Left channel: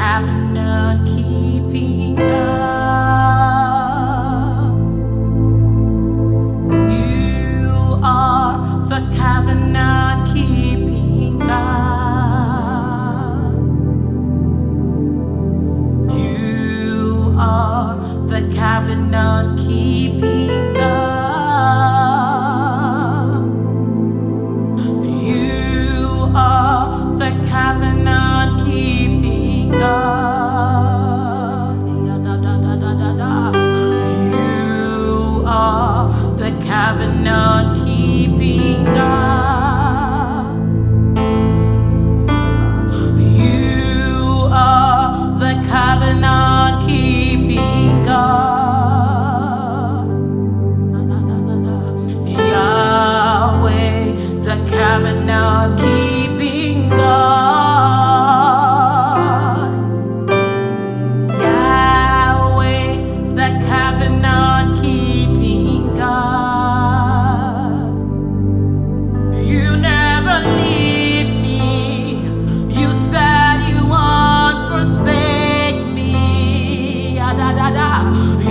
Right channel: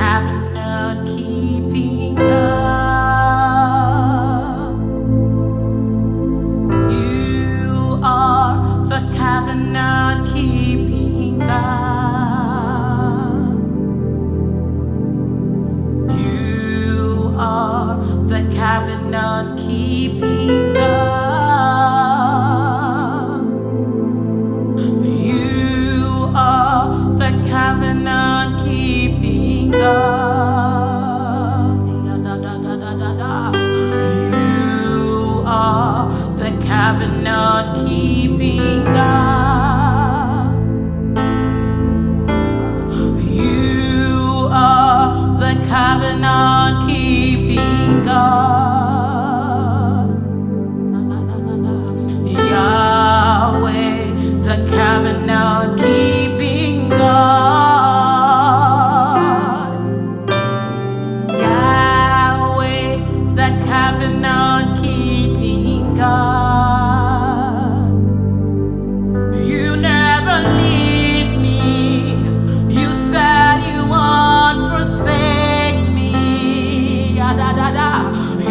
covenant keeping God. You are the covenant keeping God. You are the covenant keeping God. You are the covenant keeping God. You are the covenant keeping God. You are the covenant keeping God. Yahweh, the covenant keeping God. Yahweh, the covenant keeping God. You never leave me. You said you won't forsake me.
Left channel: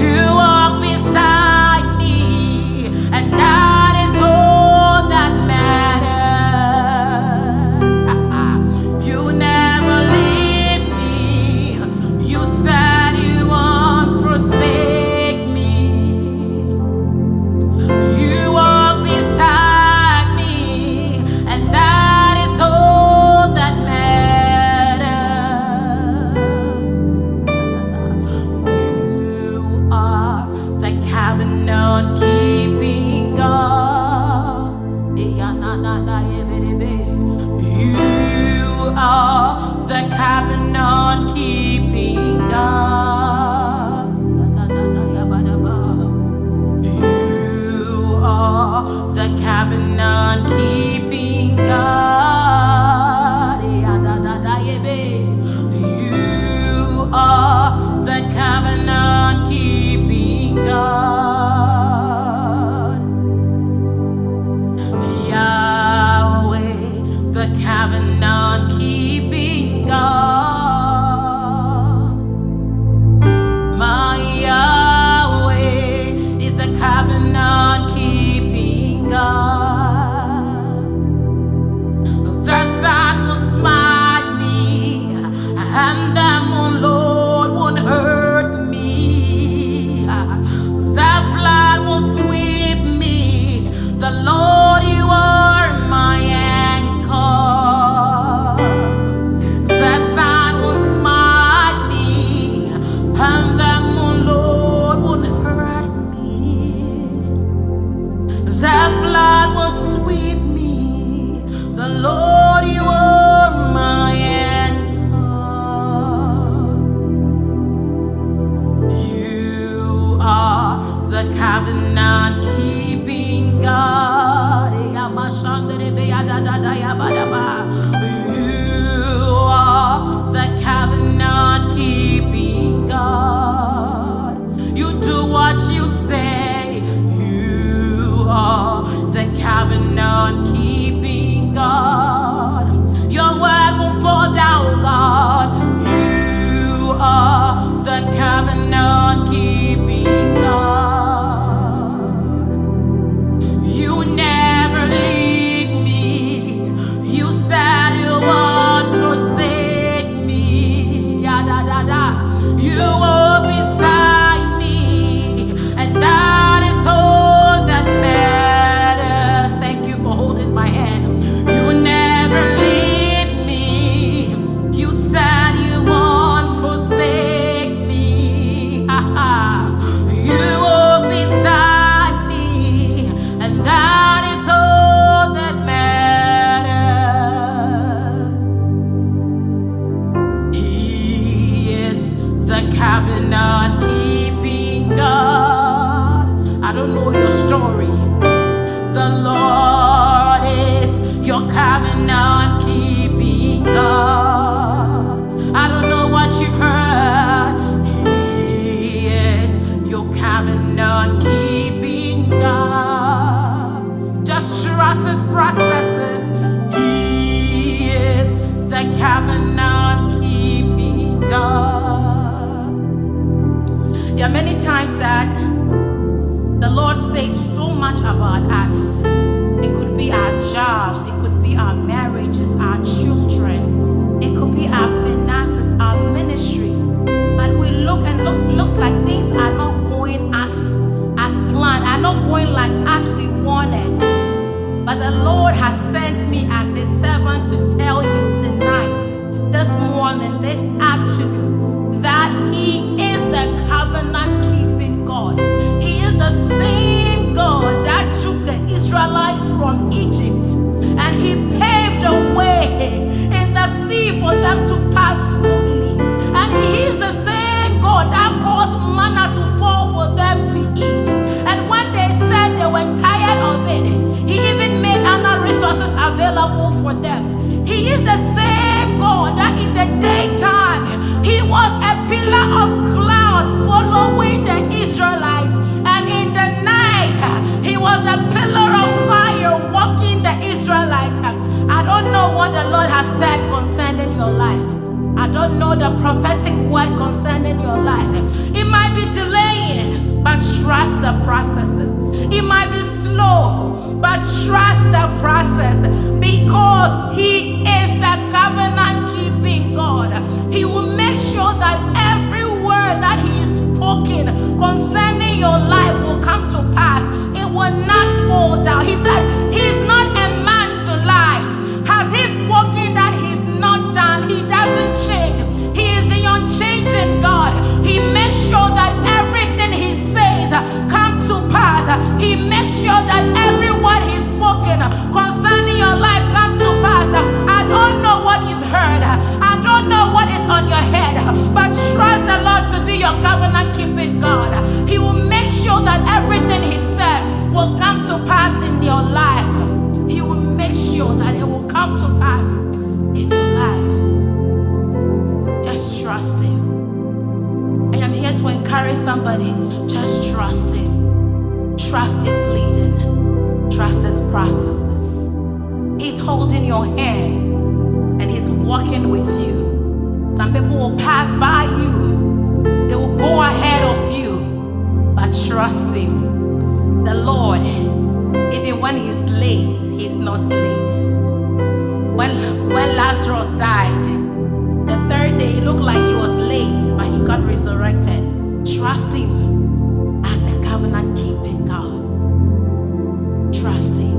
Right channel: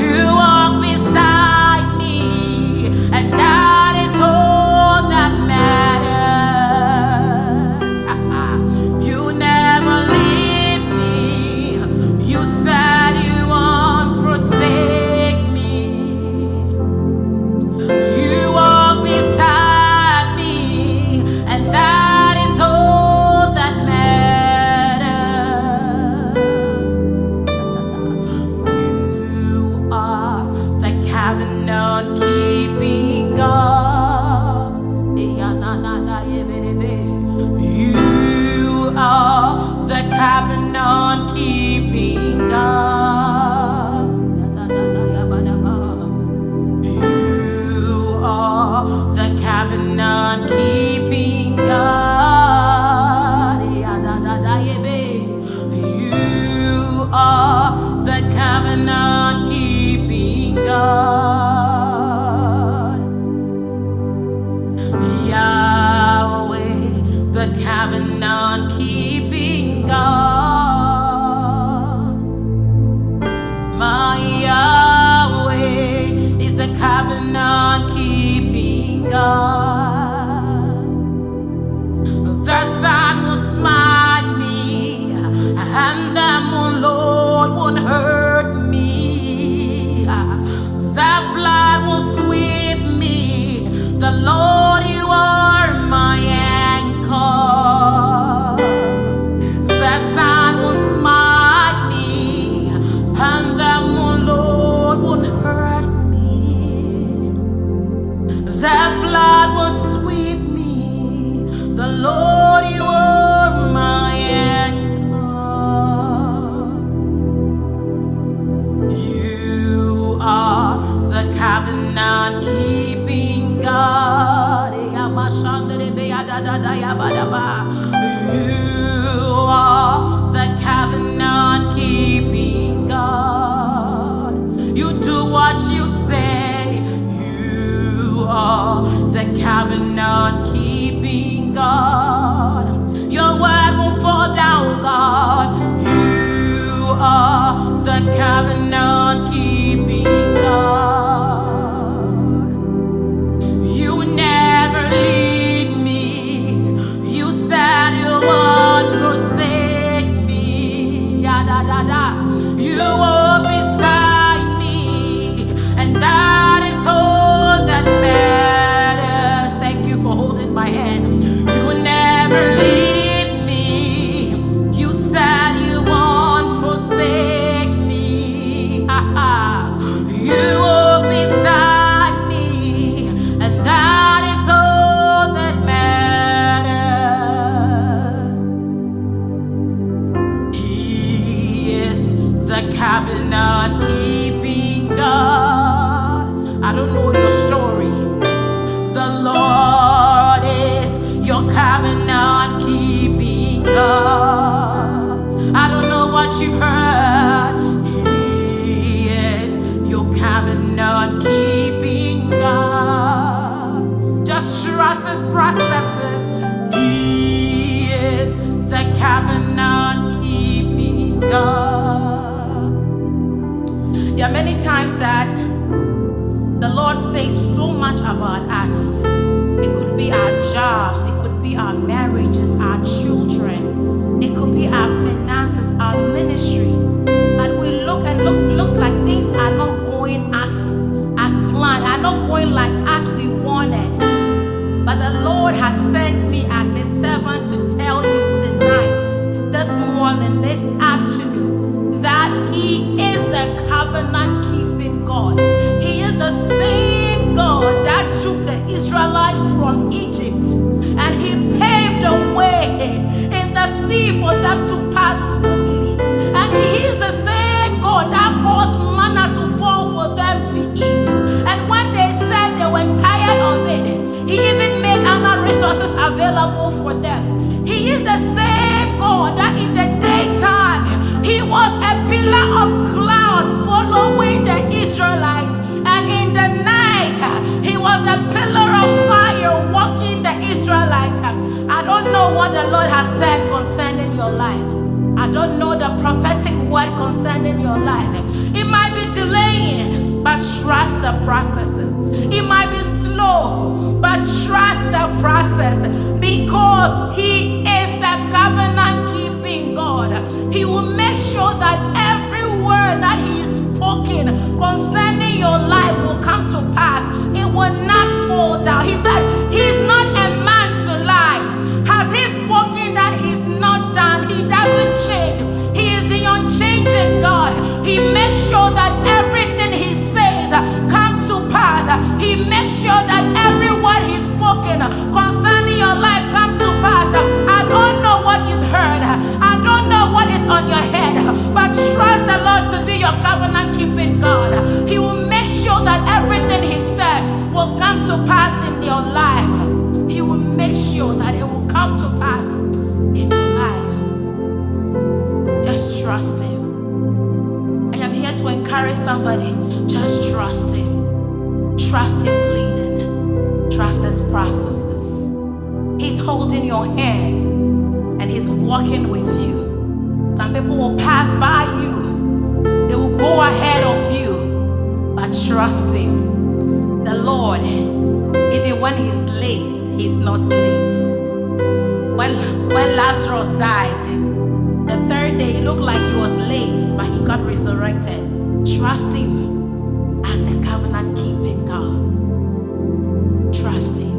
You walk beside me, and that is all that matters. You never leave me. You said you won't forsake me. You walk beside me, and that is all that matters. You are the covenant keeping God. You are the covenant keeping God. You are the covenant keeping God. You are the covenant keeping God. Yahweh, the covenant keeping God. My Yahweh is the covenant keeping God. The sun will smite me, and the moon, Lord, won't hurt me. The flood will sweep me. The Lord, you are my anchor. The sun will smite me, and the moon, Lord, won't hurt me. The flood will sweep me. The Lord, you are my anchor. You are the covenant keeping God. You are the covenant keeping God. You do what you say. You are the covenant keeping God. Your word won't fall down, God. You are the covenant keeping God. You never leave me. You said you won't forsake me. You walk beside me, and that is all that matters. Thank you for holding my hand. You never leave me. You said you won't forsake me. You walk beside me, and that is all that matters. He is the covenant keeping God. I don't know your story. The Lord is your covenant keeping God. I don't know what you've heard. He is your covenant keeping God. Just trust his processes. He is the covenant keeping keeping God. There are many times that the Lord says so much about us. It could be our jobs, it could be our marriages, our children, it could be our finances, our ministry. But we look and looks like things are not going as planned, are not going like as we wanted. But the Lord has sent me as His servant to tell you tonight, this morning, this afternoon, that He is the covenant-keeping God. He is the same God that took the Israelites from Egypt, and He paved a way in the sea for them to pass smoothly. And He is the same God that caused manna to fall for them to eat. And when they said they were tired of it, He even made other resources available for them. He is the same God that in the daytime, He was a pillar of cloud following the Israelites. And in the night, He was a pillar of fire walking the Israelites. I don't know what the Lord has said concerning your life. I don't know the prophetic word concerning your life. It might be delaying, but trust the processes. It might be slow, but trust the process, because He is the covenant-keeping God. He will make sure that every word that He is spoken concerning your life will come to pass. It will not fall down. He said He's not a man to lie. Has He spoken that He's not done? He doesn't change. He is the unchanging God. He makes sure that everything He says comes to pass. He makes sure that every word He's spoken concerning your life comes to pass. I don't know what you've heard. I don't know what is on your head, but trust the Lord to be your covenant-keeping God. He will make sure that everything He said will come to pass in your life. He will make sure that it will come to pass in your life. Just trust Him. I am here to encourage somebody. Just trust Him. Trust His leading. Trust His processes. He's holding your hand and He's walking with you. Some people will pass by you. They will go ahead of you. But trust Him. The Lord, even when He's late, He's not late. When Lazarus died, the third day, it looked like he was late, but he got resurrected. Trust Him as the covenant-keeping God. Trust Him.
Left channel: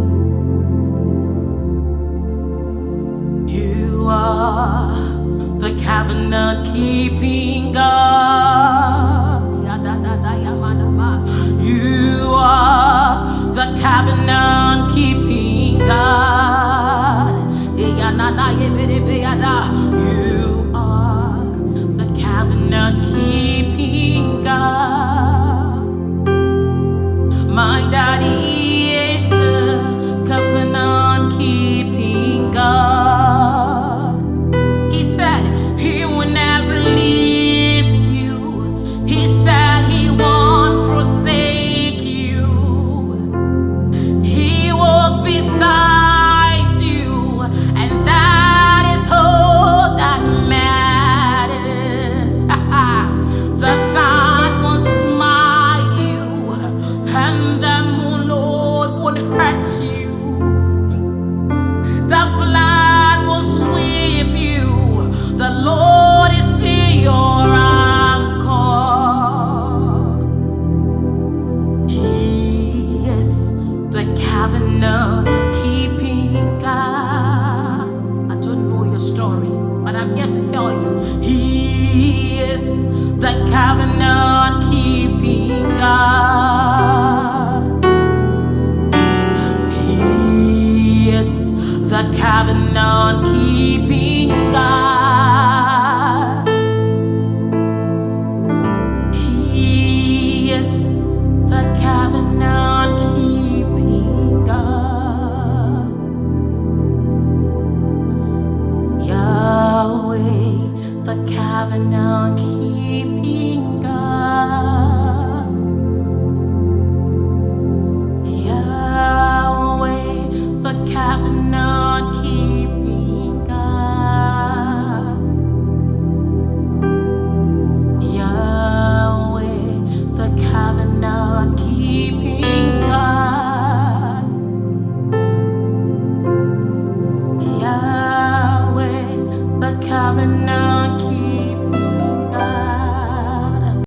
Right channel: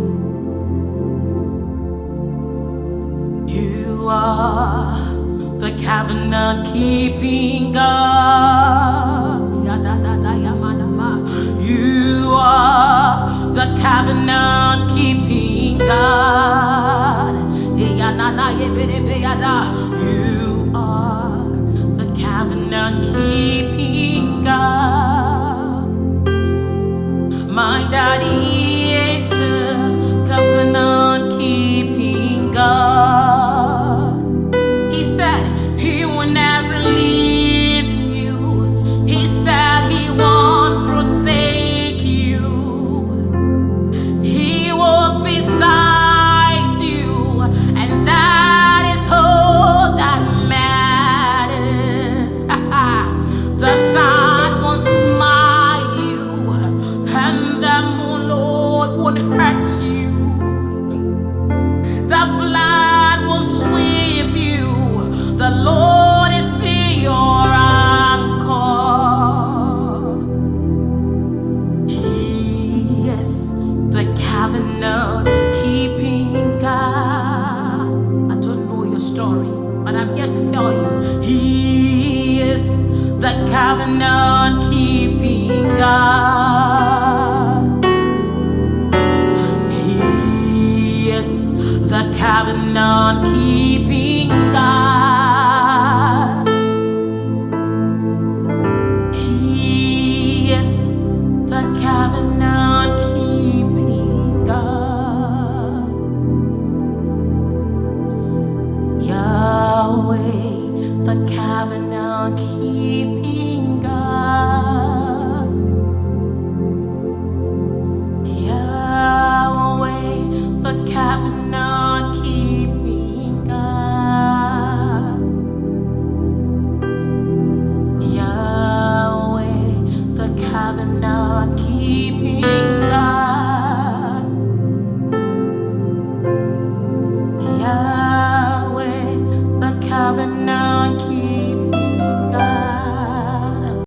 You are the covenant-keeping God. You are the covenant-keeping God. You are the covenant-keeping God. My Daddy is the covenant-keeping God. He said He will never leave you. He said He won't forsake you. He walked beside you, and that is all that matters. The sun will smite you, and the moon, Lord, won't hurt you. The flood will sweep you. The Lord is your anchor. He is the covenant-keeping God. I don't know your story, but I'm here to tell you, He is the covenant-keeping God. He is the covenant-keeping God. He is the covenant-keeping God. Yahweh, the covenant-keeping God. Yahweh, the covenant-keeping God. covenant keeping God. Yahweh, the covenant keeping